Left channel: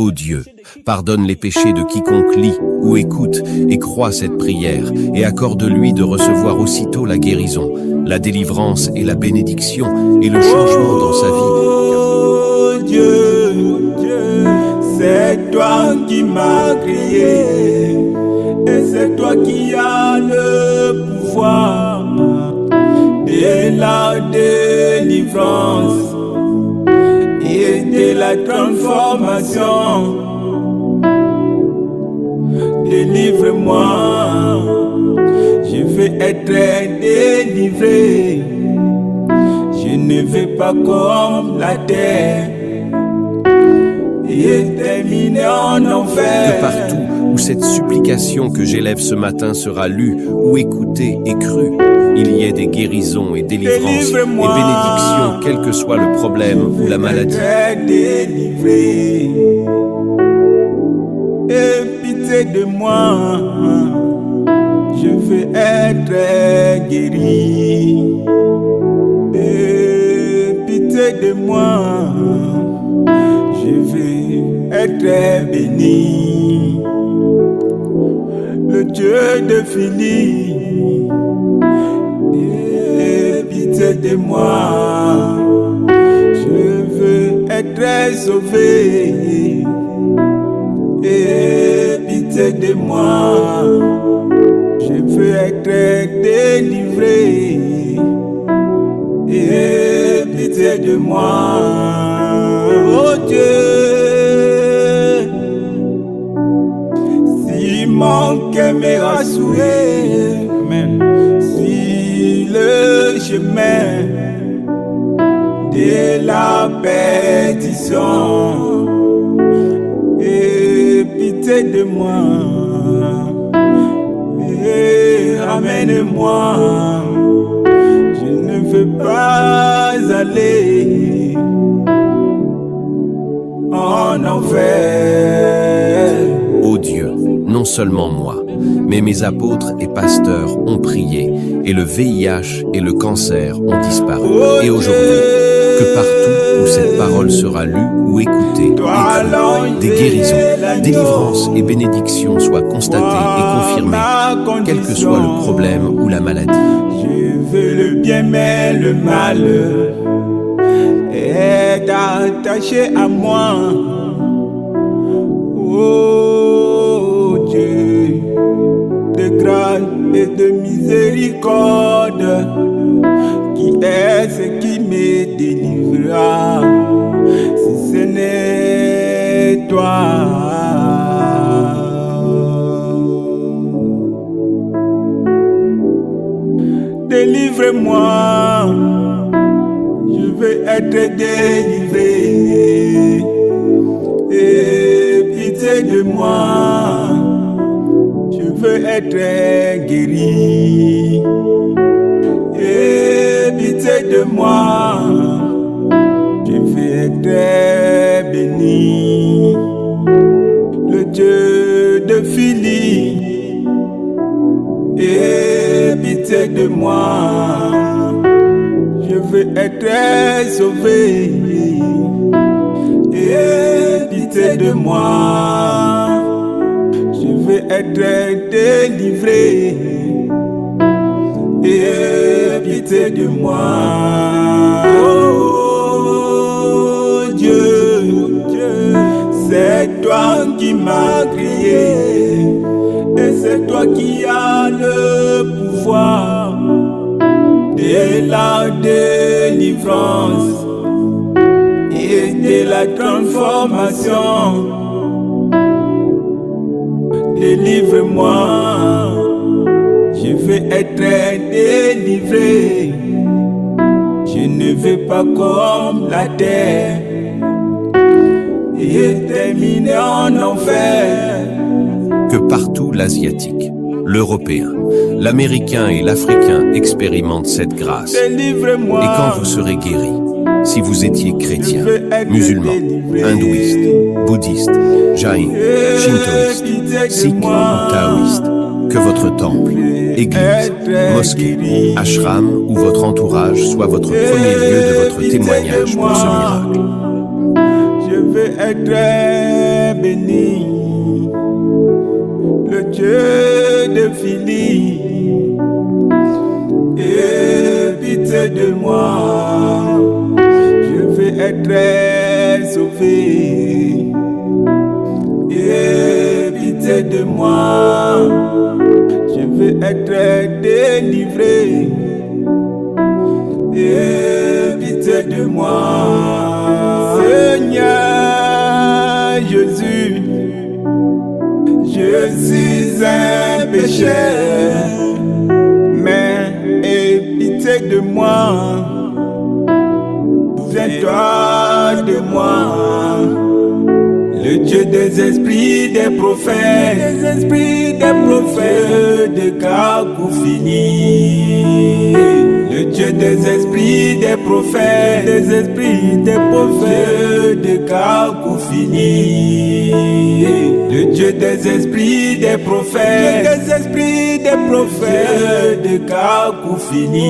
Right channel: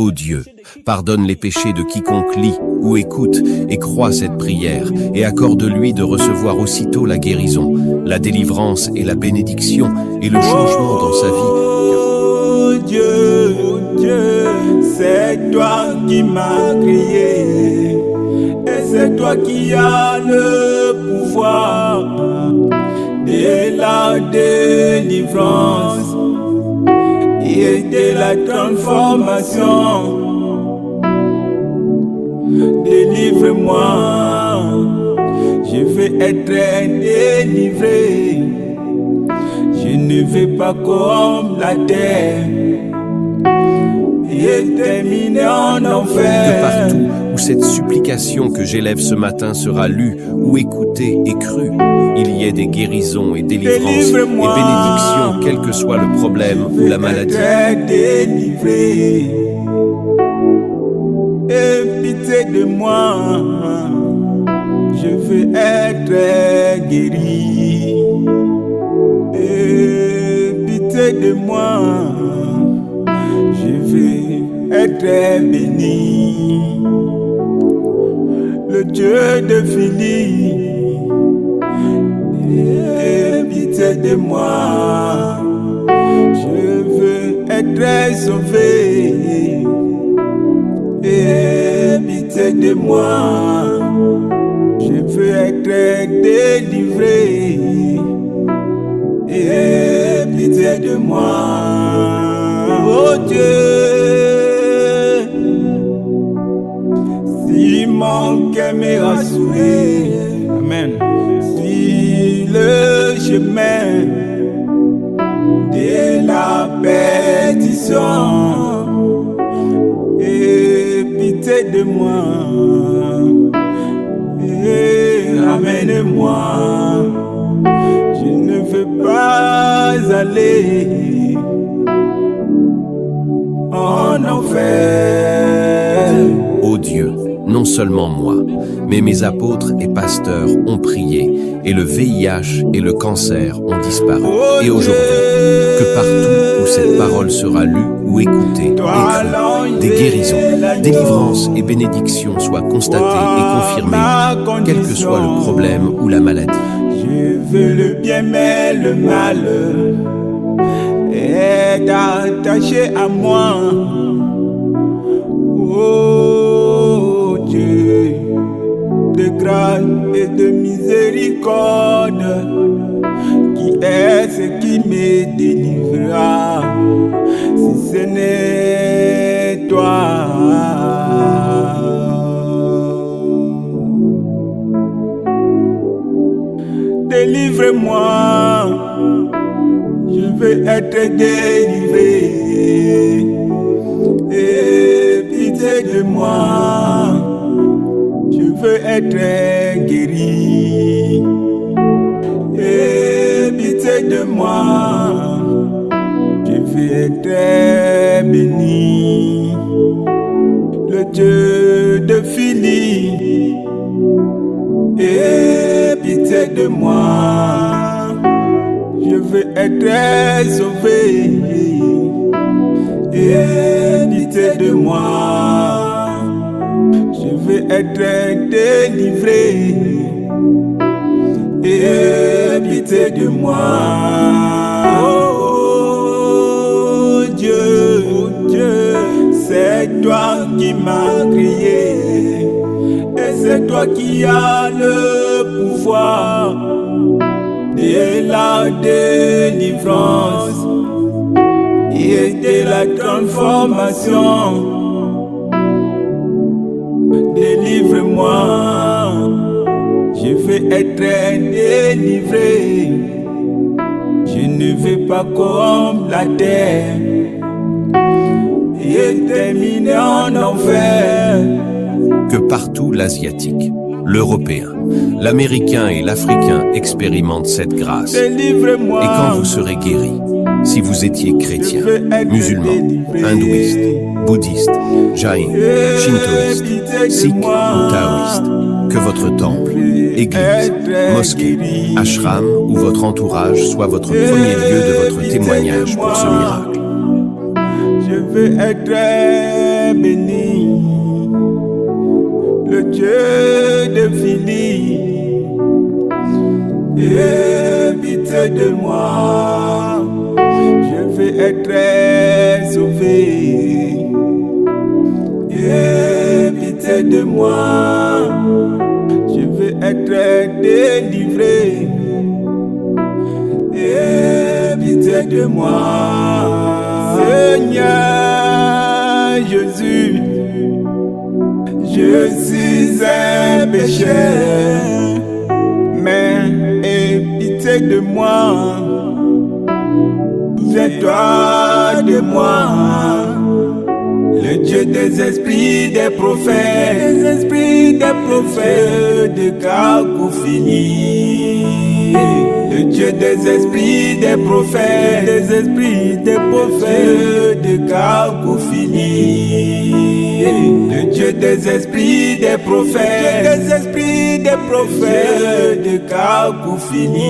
Ô Dieu, pardonne les péchés de quiconque lit ou écoute et croit cette prière, et accorde-lui de recevoir aussitôt la guérison, la délivrance et la bénédiction, et le changement dans sa vie. Oh Dieu, c'est toi qui m'as créé, et c'est toi qui as le pouvoir de la délivrance et de la transformation. Délivre-moi, je veux être délivré. Je ne vais pas comme la terre et terminer en enfer. Que partout où cette supplication que j'élève ce matin sera lue ou écoutée et crue, il y ait des guérisons et délivrances et bénédictions, quel que soit le problème ou la maladie. Délivré. Et pitié de moi, je veux être guéri. Et pitié de moi, je veux être béni. Le Dieu de Philippe, et pitié de moi, je veux être sauvé. Et pitié de moi, je veux être délivré. Et pitié de moi, oh Dieu, si mon cœur m'est rassuré, amen, si le chemin de la perdition, et pitié de moi, et ramène-moi. Je ne veux pas aller en enfer. Ô Dieu, non seulement moi, mais mes apôtres et pasteurs ont prié, et le VIH et le cancer ont disparu. Et aujourd'hui, que partout où cette parole sera lue ou écoutée, écrite, des guérisons, délivrances et bénédictions soient constatées et confirmées, quel que soit le problème ou la maladie. Je veux le bien mais le mal est attaché à moi. Oh Dieu, de grâce et de miséricorde, qui est ce qui me délivrera, si ce n'est toi. Délivre-moi, je veux être délivré. Et pitié de moi, je veux être guéri. Et pitié de moi, je veux être béni. Le Dieu de Philippe, et pitié de moi, je veux être sauvé. Et pitié de moi, je veux être délivré. Et pitié de moi, oh Dieu, c'est toi qui m'as créé. Et c'est toi qui as le pouvoir de la délivrance et de la transformation. Délivre-moi, je veux être délivré. Je ne veux pas comme la terre et terminer en enfer. Que partout l'Asiatique, l'Européen, l'Américain et l'Africain expérimentent cette grâce. Délivre-moi. Et quand vous serez guéris, si vous étiez chrétien, musulman, hindouiste, bouddhiste, jain, shintoïste, sikh ou taoïste, que votre temple, église, mosquée, ashram ou votre entourage soit votre premier lieu de votre témoignage pour ce miracle. Je veux être béni, le Dieu de Philippe, aie pitié de moi, je vais être sauvé. Aie pitié de moi, je vais être délivré. Aie pitié de moi, Seigneur Jésus, je suis un pécheur, mais aie pitié de moi, souviens-toi de moi. Le Dieu des esprits, des prophètes, de Kakoufili. Le Dieu des esprits, des prophètes, de Kakoufili. Le Dieu des esprits, des prophètes, de Kakoufili.